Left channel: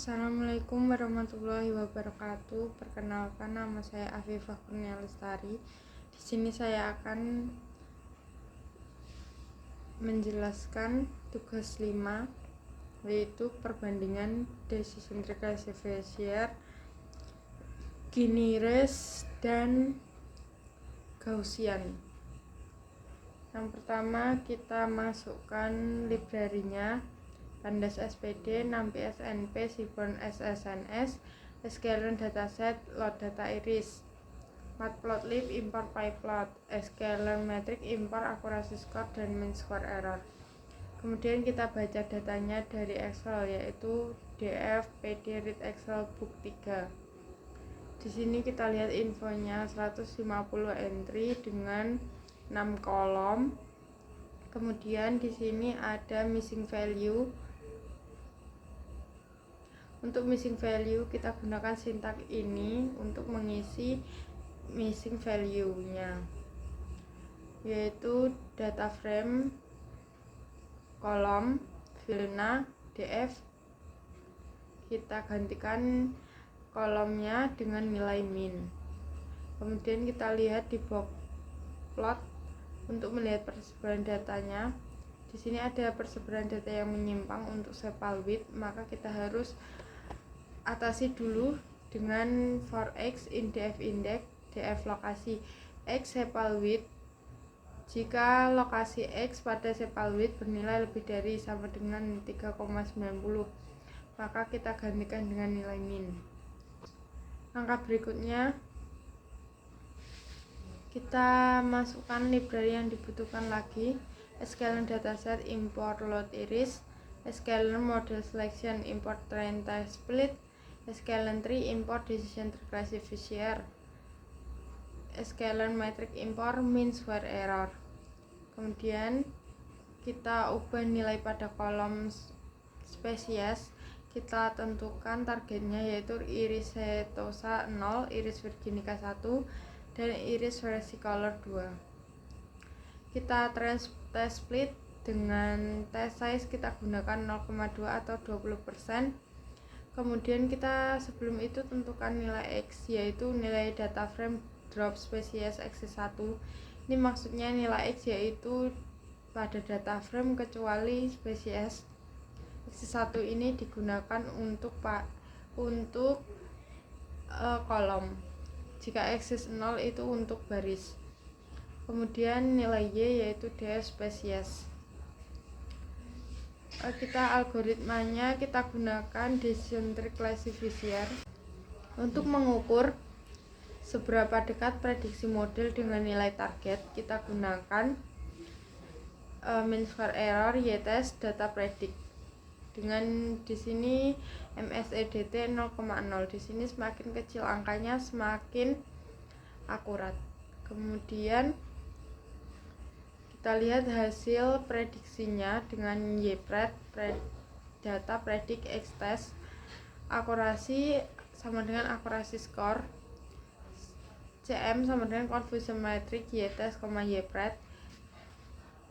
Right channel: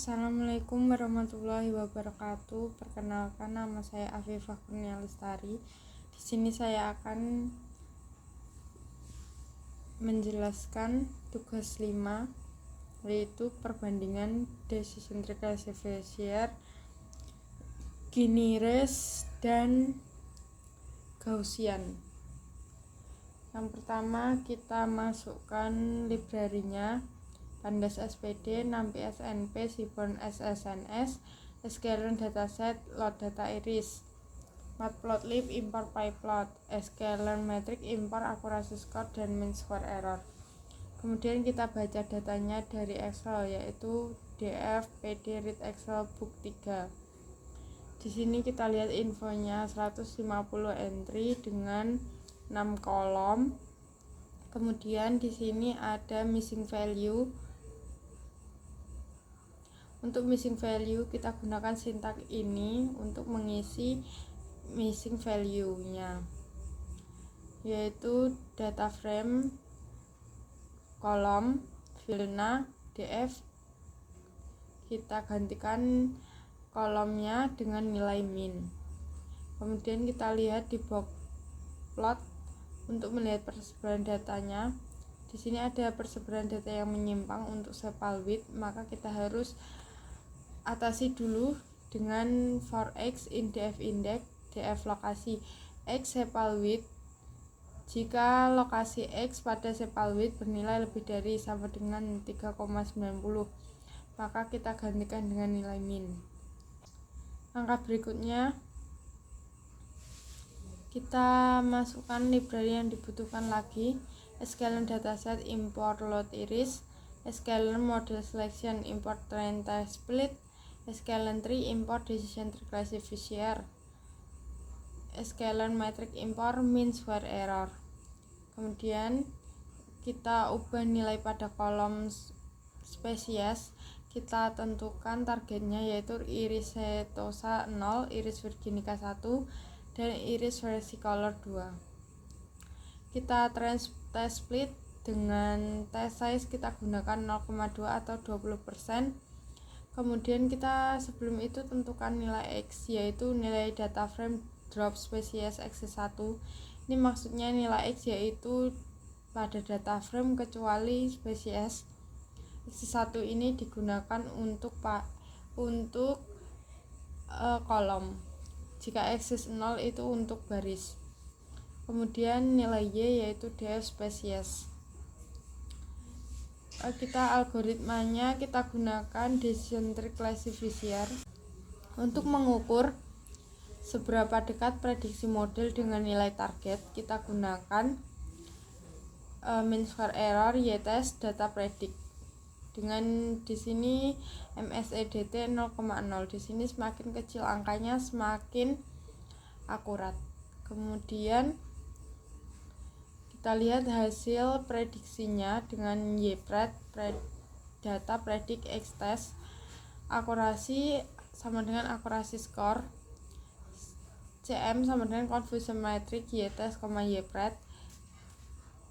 Assalamualaikum warahmatullahi wabarakatuh. Perkenalkan, nama saya Afifah Kurnia Lestari. Di sini saya akan menjelaskan tugas 5, yaitu perbandingan decision tree classifier, Gini race, dan Gaussian. Yang pertama, kita masukkan library-nya: Pandas SPD, NumPy SNP, Seaborn SSNS, Sklearn dataset, load data iris, matplotlib, import pyplot, Sklearn metric, import akurasi score dan mean square error. Kemudian kita baca datanya dari Excel, yaitu df pd read Excel book 3. Di sini kita lihat infonya 150 entry dengan 6 kolom. Kemudian di sini ada missing value. Untuk missing value kita gunakan sintak ini untuk mengisi missing value-nya, yaitu data frame kolom filena df. Kita gantikan kolomnya dengan nilai min. Kemudian kita lihat di box plot untuk melihat persebaran datanya. Di sini ada persebaran data yang menyimpang untuk sepal width, maka kita harus atasi dulu dengan for x in df index df lokasi x sepal width. Jika lokasi x pada sepal width bernilai lebih dari sama dengan 3,90, maka kita gantikan dengan nilai min. Langkah berikutnya, kita masukkan library yang dibutuhkan lagi: Sklearn dataset, import load iris, Sklearn model selection, import train test split, Sklearn tree, import decision tree classifier, Sklearn metric, import mean square error. Kemudian kita ubah nilai pada kolom spesies. Kita tentukan targetnya, yaitu iris setosa 0, iris virginica 1, dan iris versicolor 2. Kita test split dengan test size kita gunakan 0,2 atau 20%. Kemudian kita sebelum itu tentukan nilai x, yaitu nilai data frame drop spesies x1. Ini maksudnya nilai x yaitu pada data frame kecuali spesies x1 ini digunakan untuk kolom. Jika x 0 itu untuk baris. Kemudian nilai y yaitu df spesies. Algoritmanya kita gunakan decision tree classifier untuk mengukur seberapa dekat prediksi model dengan nilai target. Kita gunakan mean square error y-test data predict dengan di sini MSEDT 0,0. Di sini semakin kecil angkanya semakin akurat. Kemudian kita lihat hasil prediksinya dengan YPRED data predict X test. Akurasi sama dengan akurasi skor, CM sama dengan confusion metric Y-test, YPRED,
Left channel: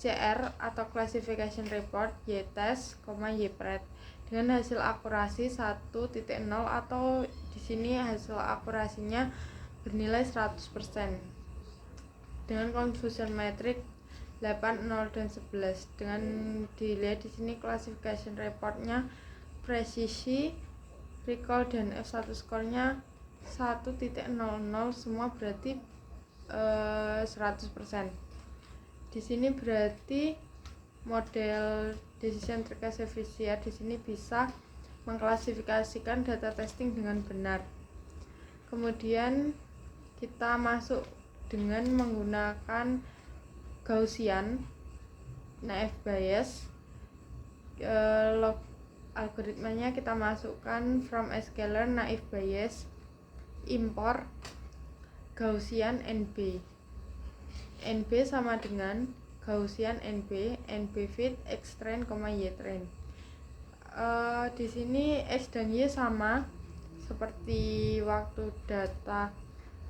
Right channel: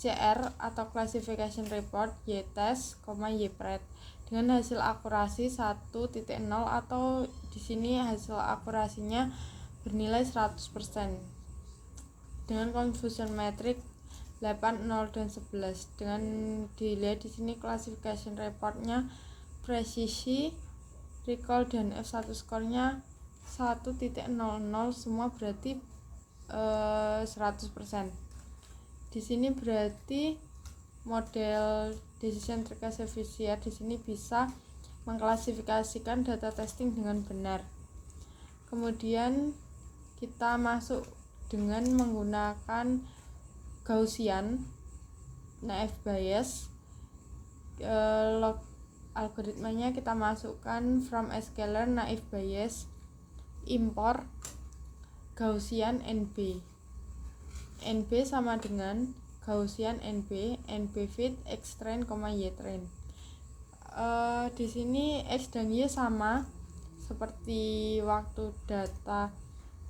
CR atau classification report Y-test, YPRED dengan hasil akurasi 1.0 atau di sini hasil akurasinya bernilai 100%. Dengan confusion metric 8, 0 dan 11. Dengan dilihat di sini classification reportnya presisi, recall dan F1 skornya 1.00, semua berarti 100%. Di sini berarti model decision tree classifier di sini bisa mengklasifikasikan data testing dengan benar. Kemudian kita masuk dengan menggunakan Gaussian naive Bayes. Algoritmanya kita masukkan from Sklearn naive Bayes, import Gaussian NB. NB sama dengan Gaussian NB fit X train, Y train. Di sini X dan Y sama seperti waktu data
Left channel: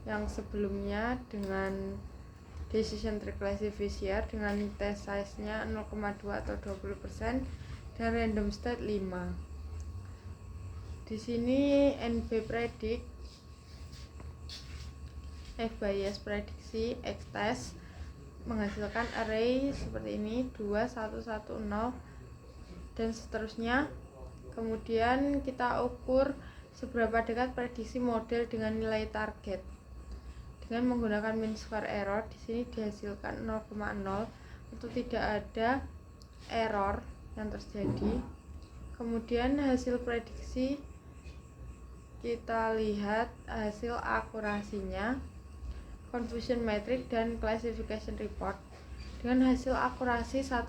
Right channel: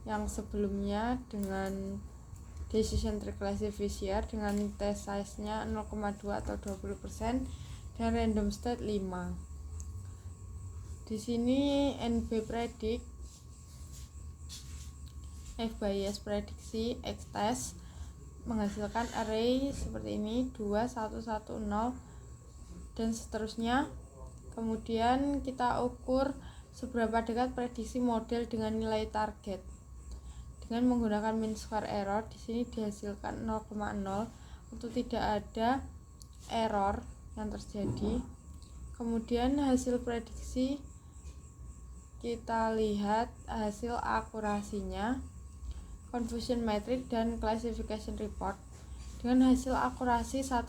yang sebelumnya dengan decision tree classifier dengan test size-nya 0,2 atau 20% dan random state 5. Di sini NB predik, F bias prediksi, X test menghasilkan array seperti ini 2, 1, 1, 0 dan seterusnya. Kemudian kita ukur seberapa dekat prediksi model dengan nilai target dengan menggunakan mean square error. Di sini dihasilkan 0,0 untuk tidak ada error yang terjadi. Kemudian hasil prediksi kita lihat hasil akurasinya, confusion metric dan classification report dengan hasil akurasi 1.0.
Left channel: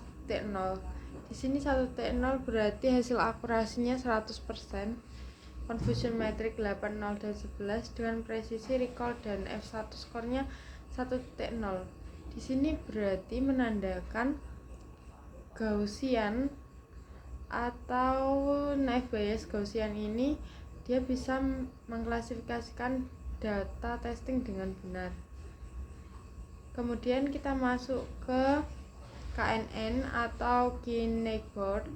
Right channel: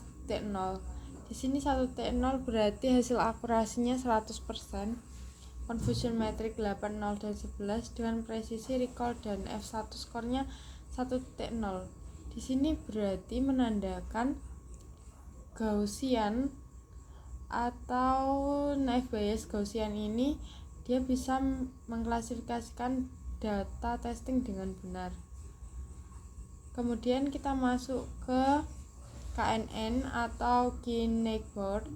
Di sini 1.0 berarti hasil akurasinya 100%, confusion metric 8, 0 dan 11 dengan presisi recall dan F1 skornya 1.0. Di sini berarti menandakan Gaussian atau naive Bayes Gaussian ini dia bisa mengklasifikasikan data testing dengan benar. Kemudian kita masuk ke KNN atau Key Neighbor.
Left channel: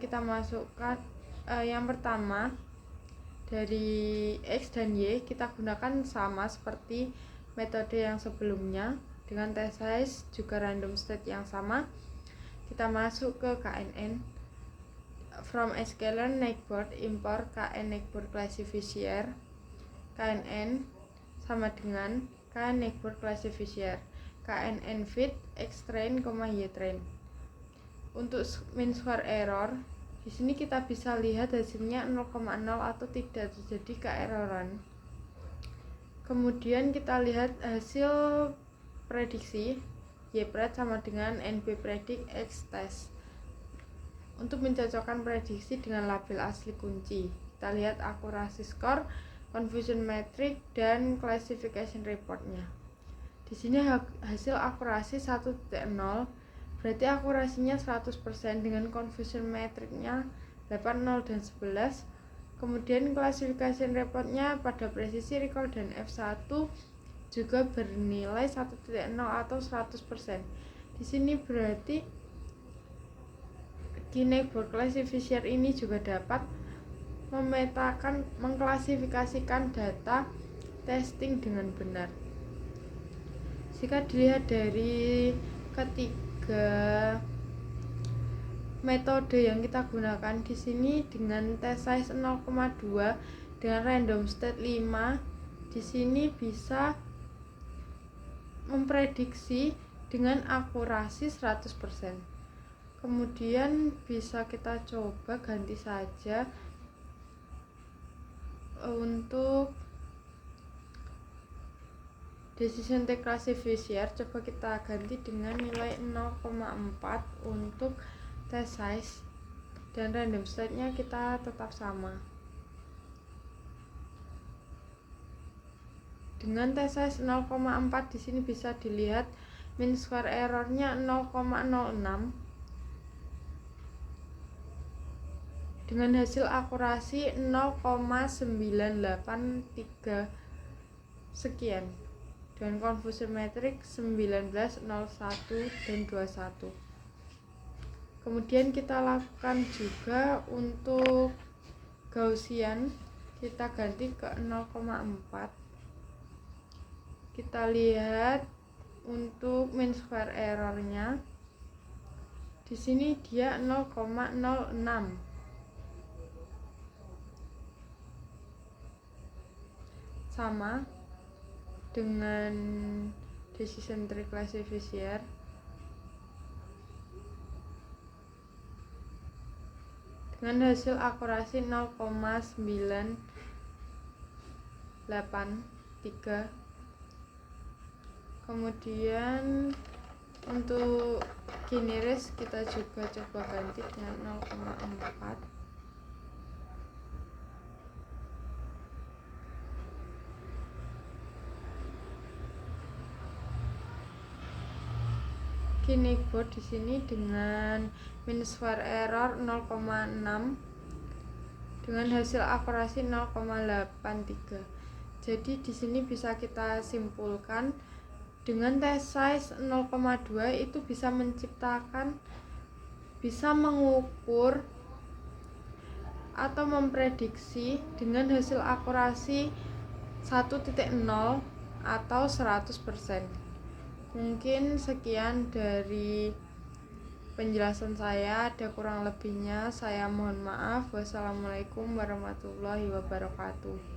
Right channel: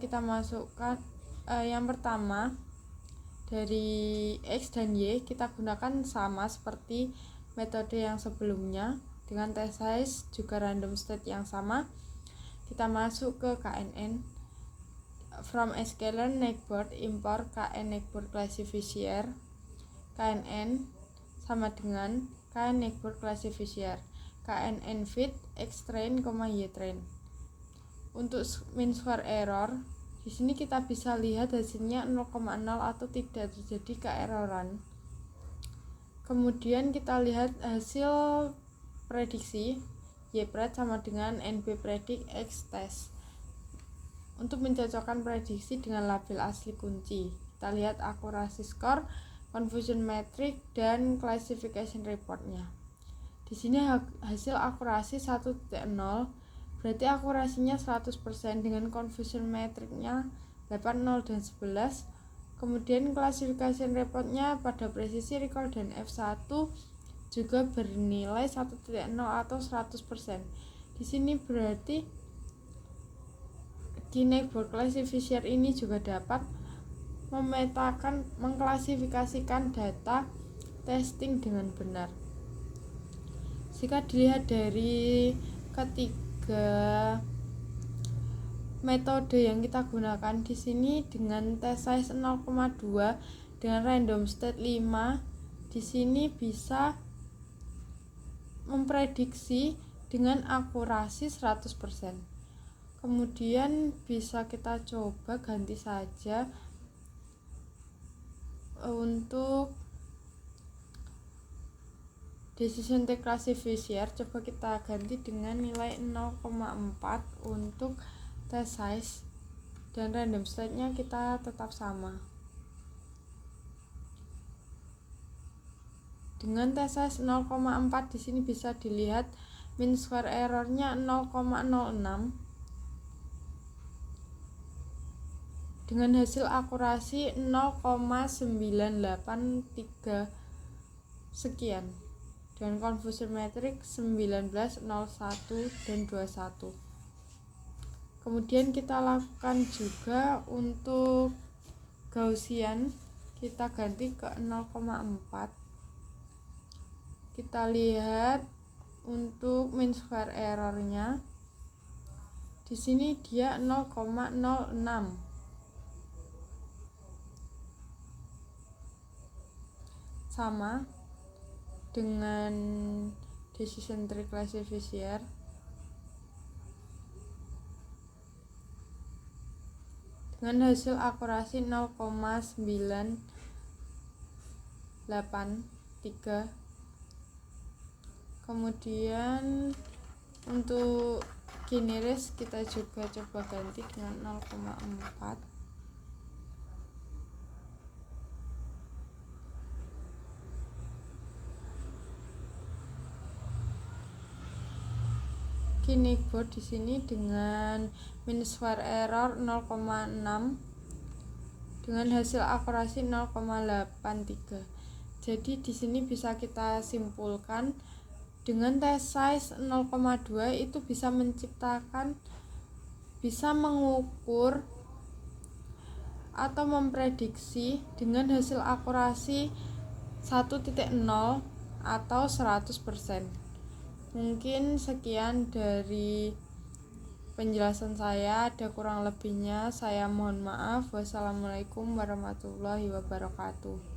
Kita masukkan yang pertama dari X dan Y kita gunakan sama seperti metode yang sebelumnya dengan test size juga random state yang sama. Kita masuk ke KNN. From scalar neighbor import KN neighbor classifier. KNN sama dengan KN neighbor classifier. KNN fit X train, Y train. Untuk mean square error, di sini kita bisa lihat hasilnya 0,0 atau tidak terjadi keeroran. Kemudian kita lihat hasil prediksi Y-pred sama dengan NB predik X test. Untuk mencocokkan prediksi dengan label asli kunci, kita lihat akurasi skor, confusion metric dan classification reportnya. Di sini hasil akurasi 1.0 berarti akurasinya 100% dengan confusion metricnya 8, 0 dan 11. Kemudian classification reportnya pada presisi recall dan F1 juga bernilai 1.0 atau 100%. Di sini berarti Key Neighbor classifier ini juga dapat memetakan, mengklasifikasikan data testing dengan benar. Jika dilihat dari ketiga metode yang kita gunakan di sini dengan test size 0,2 dengan random state 5, di sini bisa memprediksi dengan akurasi 100%. Kemudian bisa kita coba ganti saja untuk decision tree classifier, coba kita ganti dengan nilai 0,4 untuk test size dan random state-nya kita tetap sama. Dengan test size 0,4 di sini bisa dilihat mean square error-nya 0,06 dengan hasil akurasi 0,983 sekian dengan confusion metric 19, 01 dan 21. Kemudian kita lakukan juga untuk Gaussian, kita ganti ke 0,4. Kita lihat untuk mean square error-nya di sini dia 0,06. Sama dengan decision tree classifier. Dengan hasil akurasi 0,983. Kemudian untuk generis kita juga coba ganti dengan 0,4. Key Neighbor di sini dengan mean square error 0,6 dengan hasil akurasi 0,83. Jadi di sini bisa kita simpulkan dengan test size 0,2 itu bisa mengukur atau memprediksi dengan hasil akurasi 1.0 atau 100%. Mungkin sekian dari penjelasan saya, ada kurang lebihnya saya mohon maaf. Wassalamualaikum warahmatullahi wabarakatuh.